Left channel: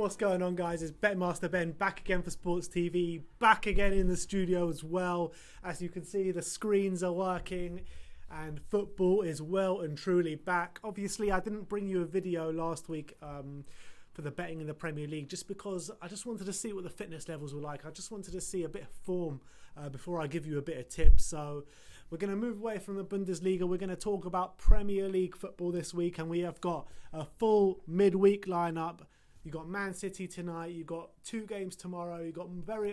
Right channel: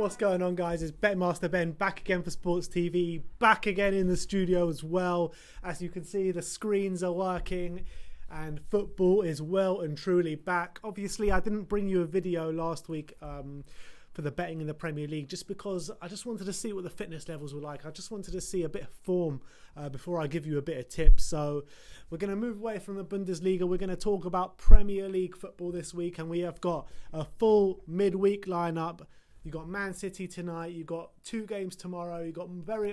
What's going on, guys? It's Betmaster Ben back again for Sports TV, back again in the studio as well. As you can see, the screens are working and football is well and truly back. Obviously, I didn't bring you a video last week for the betting in the Premier League just because I just wanted to see what the fitness levels were like. I just wanted to see a bit of form before I give you a bit of tips. So we're going to move away from the Bundesliga. We're going to talk about Premier League football this week, and we have got a full midweek lineup. You got Man City tonight, you got 2 games tomorrow, you got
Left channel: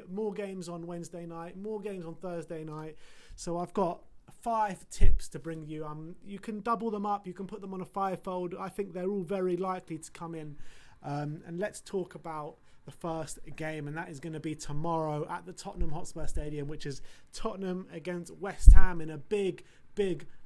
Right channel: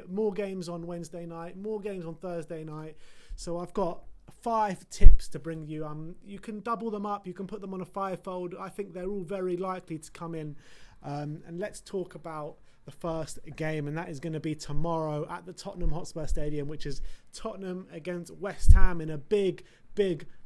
more games on Wednesday night, more games on Thursday night. So I've got 5 tips to bring you. You can double them up, you can put them on a 5-fold. I think they're all very likely to come in. And let's talk about the first game, and that is going to be tomorrow at the Tottenham Hotspur Stadium, which is Tottenham against West Ham in a big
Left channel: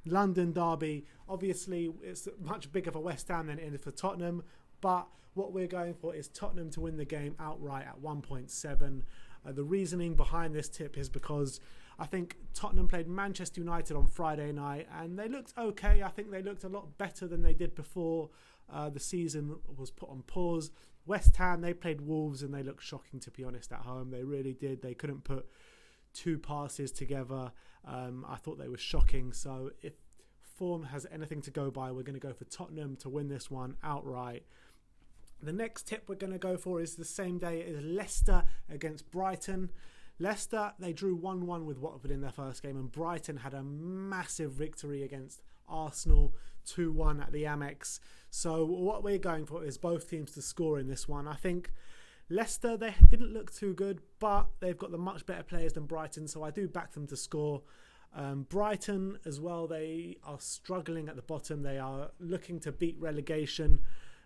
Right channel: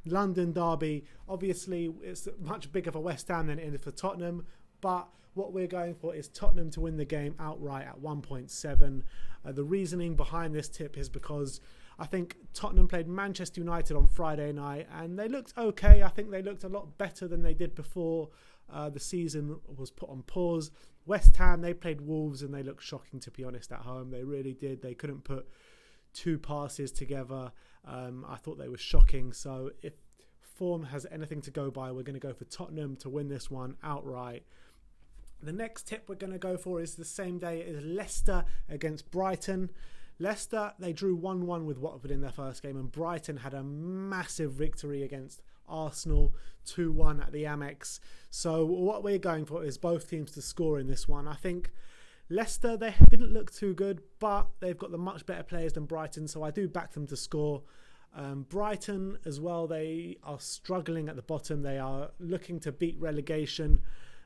London derby. Obviously, it's much bigger for West Ham than it is for Tottenham, but what we're going for is Tottenham to win the game outright at 1.7. The reasoning behind this tip is because I think Tottenham played Manchester United on Friday night and they looked okay. I think they looked a lot better than they did before the season was put on pause. West Ham, they played Wolves and they looked shocking, to be honest, at home. They really did. They couldn't put 2 passes together. I thought they were shocking. So if form has anything to go by, we're going to go for Tottenham to win this one outright. The next tip we're going to go for is the same day as Leicester against Brighton. Leicester, they drew 1-1 with Watford in their first game, and Brighton had a massive victory against Arsenal, 2-1 at the Amex. So what we're going for is both teams to score in this one. I think Leicester, they didn't look too good, but they've got the much better players than Brighton, so I do back them to score. Brighton as well, they are struggling at the bottom. They are looking to beat relegation,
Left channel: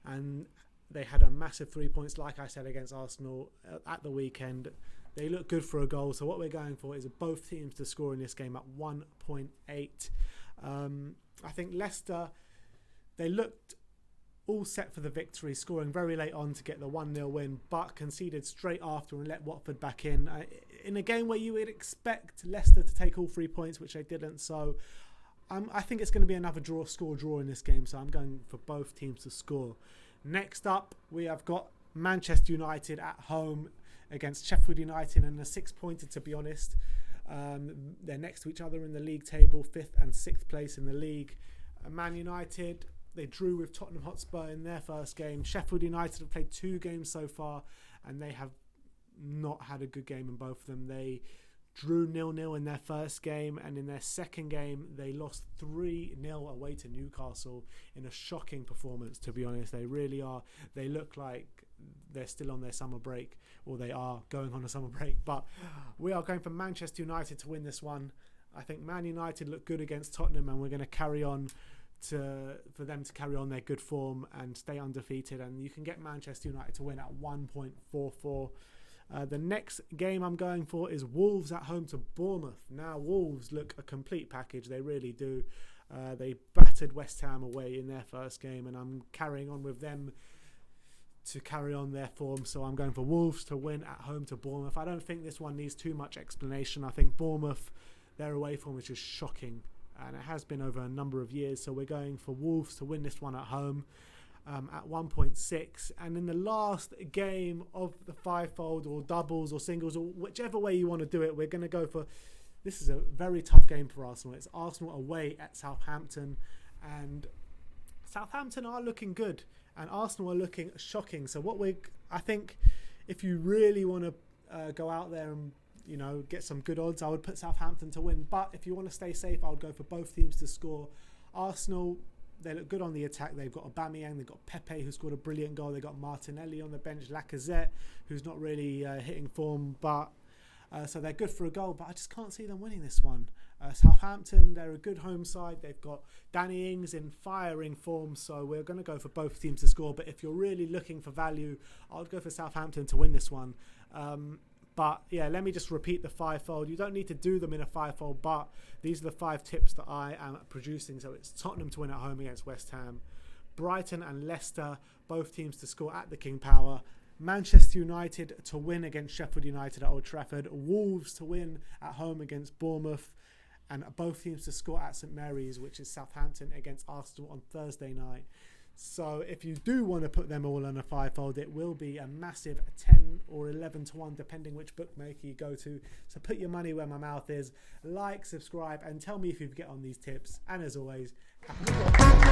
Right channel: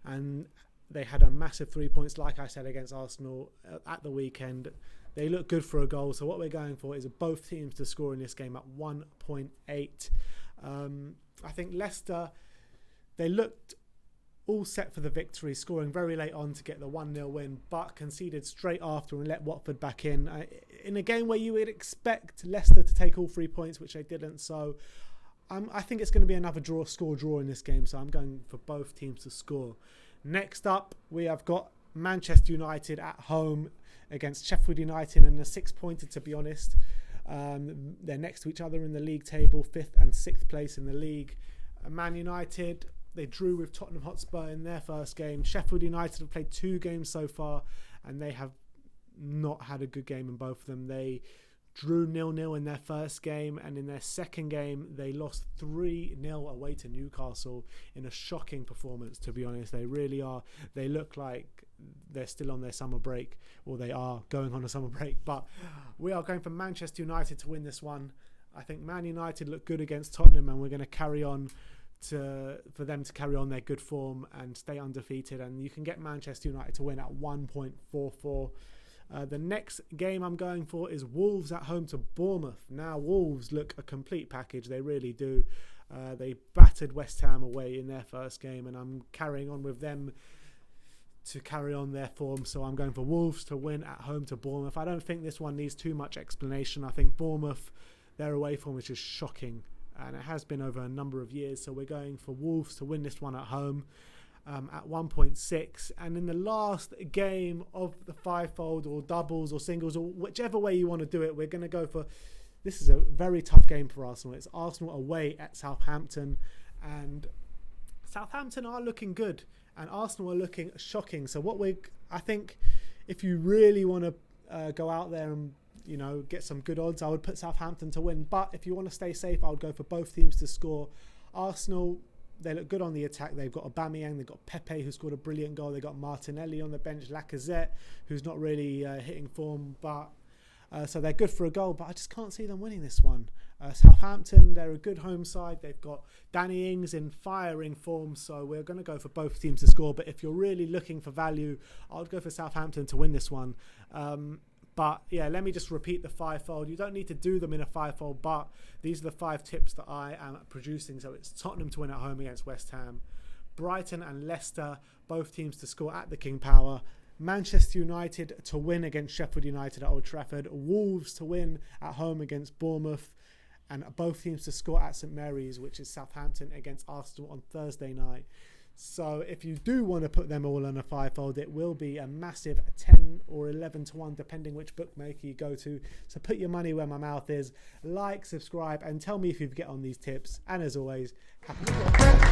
and they had a massive 3 points, like I said, against Arsenal at the weekend. They look good for a goal. So what we're going for is both teams to score in this game at 1.8. I think Leicester, they looked all set for the victory, scoring very late on to get the 1-0 win, but conceded straight after and let Watford back in a game where you would expect Leicester to take all 3 points, which they didn't. So I think it's going to be another score draw in this game. So I'm going for both teams to score. Next up, we have got Manchester United at home against Sheffield United, and a 6-pointer, to be honest. They're next to each other in the league table, 5th and 6th place in the league. Man United, they drew with Tottenham Hotspur in their first game. Sheffield United have played 2 games so far, and they have not had a good game in both of them. They drew 0-0 in their first game, and in their second game they lost 3-0 away to Newcastle in a shocking performance, to be honest. They really are. They look like they're still on their summer break, or they are going on a summer break, but we are going for Manchester United to win this one. I think Man United look good against Tottenham, and we're going to carry on for them to carry on their good form and stay undefeated, and you can get Manchester United to win at 1.44. The next game I'm going for is Wolves at home to Bournemouth. Now, Wolves look a complete package. They really do. They battered West Ham away in their first game, and I'm carrying on with them to carry on their form. So I'm going for Wolves to win at home to Bournemouth. I don't think this one needs too much explanation. I think Bournemouth, their away form is just shocking, and it has been over a number of years. So we're going for Wolves to win this one at home. At 1.6, and in the last game of the 5-fold or doubles or singles or whichever way you want to do it, we're going to go for, this is a very tough game for Arsenal. It's Arsenal away at Southampton, and Southampton are looking good and Arsenal are looking shocking. So I think if you really want to go out there and get some good odds, I would put Southampton to win. But if you want to stay safe, I would go for both teams to score. Arsenal, they look good on the attack. They've got Aubameyang, they've got Pepe, who scored a brilliant goal. They've got Martinelli on the bench, Lacazette, who's not really hitting form, but so they're good for a goal. But I just can't see them winning this one. Southampton, they're a good home side. They've got Danny Ings in firing form, so we're going to go for both teams to score. But if you're really looking for value, I would go for Southampton to win this one. But yeah, let me just repeat the 5-fold. You don't need to do them in a 5-fold, but these are the 5 tips that I am producing. So it's Tottenham to win at home against West Ham, Brighton and Leicester, both teams to score at the King Power, Manchester United to win against Sheffield United at Old Trafford, Wolves to win at home against Bournemouth, and both teams to score at St Mary's, which is Southampton against Arsenal on Thursday night. So if you do want to put them all on a fivefold, it will be a massive 10 or 11 to 1, depending which bookmaker you go to. So put your money where my mouth is. Like, subscribe, and tell me if you get on these tips. And as always, happy